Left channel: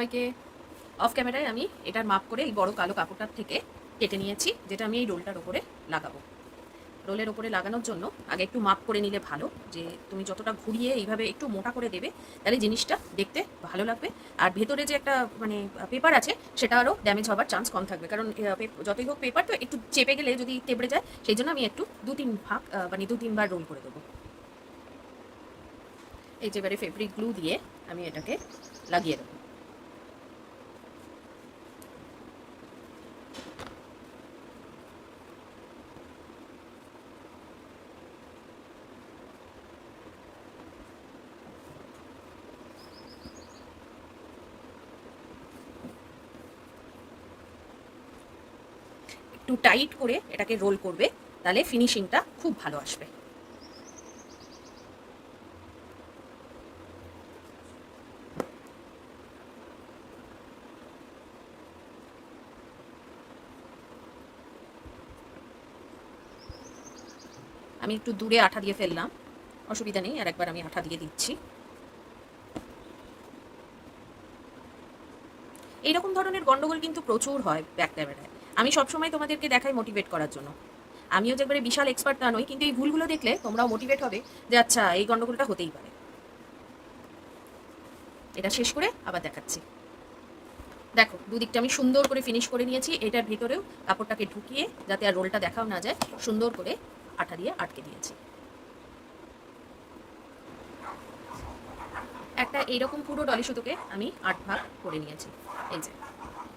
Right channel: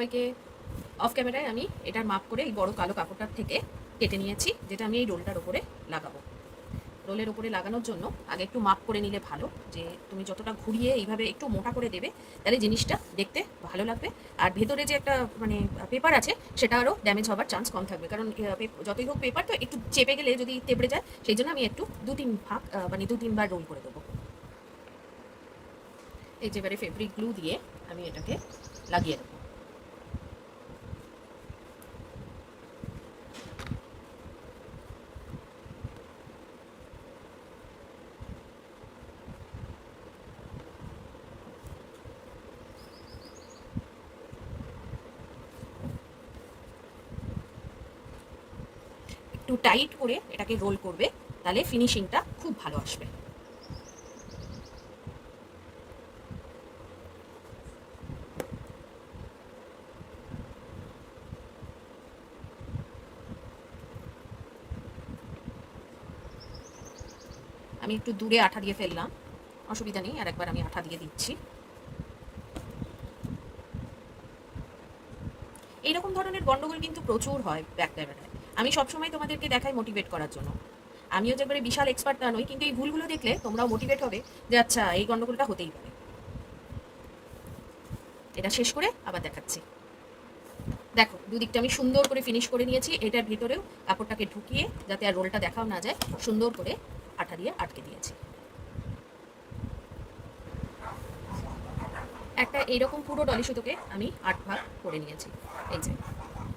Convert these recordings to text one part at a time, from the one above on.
সবাইকে। অফ ক্যামেরায় আমি এটার মাপ করে এই বড় কালো কাপড়টার থেকে কেটে নিয়েছি, যেটা আমি এই রোলটার ওপরে লাগাবো। রোলের ওপরে লাগানোর জন্য আগে একটু মাপ করে নিলে ভালো, যে তুমি যতটা ঘুরিয়ে এইভাবে একটু মোটা করে দেবে তাহলে জিনিসটা দেখতে ভালো লাগবে। আর ভেতরে যে একটা মানে পেপার আছে সেটা আরও ড্যামেজ হওয়ার চান্স কম থাকবে, কারণ যতই হোক পেপার তো একটু চেপে গেলে যদি তেবড়ে যায়, সেই জন্য আমি একটু 2-3 ভাগ মানে 2-3 বার রোল করে দেবো। এই যে এবারে ফেব্রিক গ্লু দিয়ে আমি এটাকে লাগিয়ে দেবো। একটু টাইট করে এটাকে রোল করবে, তাহলে ফিনিশিংটা খুব ভালো আসবে। আমি একটু দূরে আঠা দিয়ে ফেললাম, অসুবিধা নেই, আর একবার আমি আঠা দিয়ে দিচ্ছি। এইরকম ধরনের গন্ডগোল কিন্তু প্রচুর হয় ব্যাক ক্যামেরায়। আমি সবসময় তোমাদেরকে দেখাই মোটিভেট করার জন্য। আমিও যে একবারে বিশাল এক্সপার্ট তা নই, কিন্তু এই ভুলগুলো দেখলে তোমরাও মোটিভেট হবে যে আচ্ছা এই গন্ডগোলটা হতেই পারে। এটা শেষ করে আবার দেখাচ্ছি। দেখো দুদিকটা আমি সুন্দর করে ফিনিশ করে নিয়েছি। এটার ভিতরেও কাপড়টাকে ঢুকিয়ে, যাতে আর রোলটা দেখাও না যায়, সুন্দর করে আঠা দিয়ে আটকে দিয়েছি। একটা এইরকম পুরো ডলি সুতোকে আমি 8 ভাগ করে নিয়েছি। এই যে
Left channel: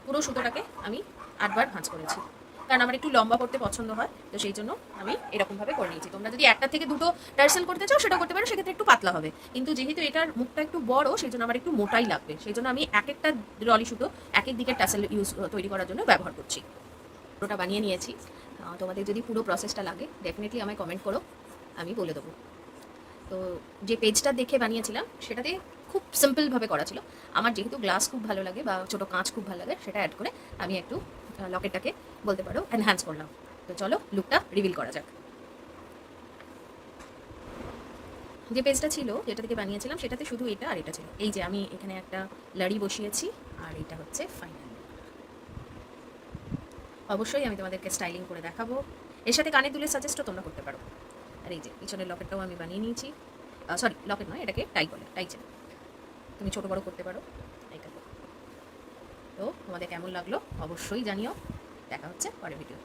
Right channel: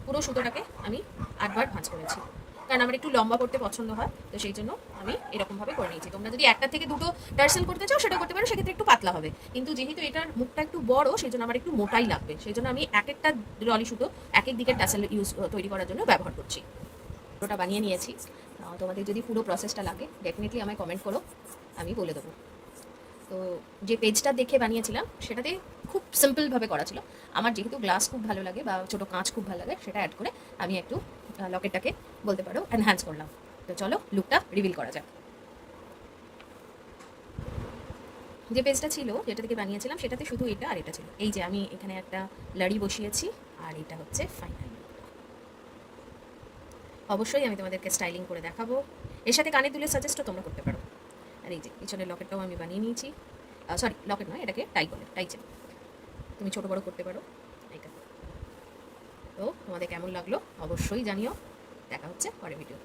পুরো সুতোটাকে আমি 8 বার ভাঁজ করেছি, কারণ আমার একটু লম্বা করতে পছন্দ হয়, তো সেই জন্য আমি এরকমভাবে করে নিয়েছি। তোমরা যদি একটা থেকে দুটো টার্সেল করতে চাও সেটা করতে পারো, সেক্ষেত্রে একটু পাতলা হবে, কিন্তু যেহেতু এটার মুখটা একটু বড় সেই জন্য আমার একটু মোটাই লাগবে, সেই জন্য আমি এক একটা ডলি সুতো এক এক দিকের টার্সেল তৈরি করার জন্য ব্যবহার করছি। পুরোটা বানিয়ে নিয়েছি। তোমাদের যদি পুরো প্রসেসটা লাগে ডেফিনেটলি আমায় কমেন্ট করো, আমি বলে দেবো। তো যে পেজটা দেখে বানিয়েছিলাম সেটাতে খুব সিম্পলভাবে করা ছিল। আমার যেহেতু গ্লাস খুব ভালো লাগে বা ছোটো কাঁচ খুব ভালো লাগে, সেটা অ্যাড করে আমি একটু লকেটটাকে বলতে পারো এনহ্যান্স করলাম। তো চলো লুকটা রিভিল করা যাক। যে পেজটা ছিল যেটা থেকে বানিয়েছিলাম সেটাতে শুধু এটা আর এটা ছিল। এই যে আমি এখানে একটা লাড়ি বসিয়েছি, আর এটা হচ্ছে ফাইনাল লুকটা। অবশ্যই আমি তোমাদেরকে স্টাইলিং করে দেখাবো। এর সাথে কানের দুলের সাজেস্টও তোমরা করতে পারো। আর এই যে পিছনের লকেটটাও আমি বানিয়ে নিয়েছি। সরি, লকেট নয়, এটাকে টাই বলে, টাই চেন। তুমি ছোটো বড়ো করতে পারো এটা। তো তোমাদের কেমন লাগলো অবশ্যই জানিও। দেখা হচ্ছে পরের ভিডিওতে।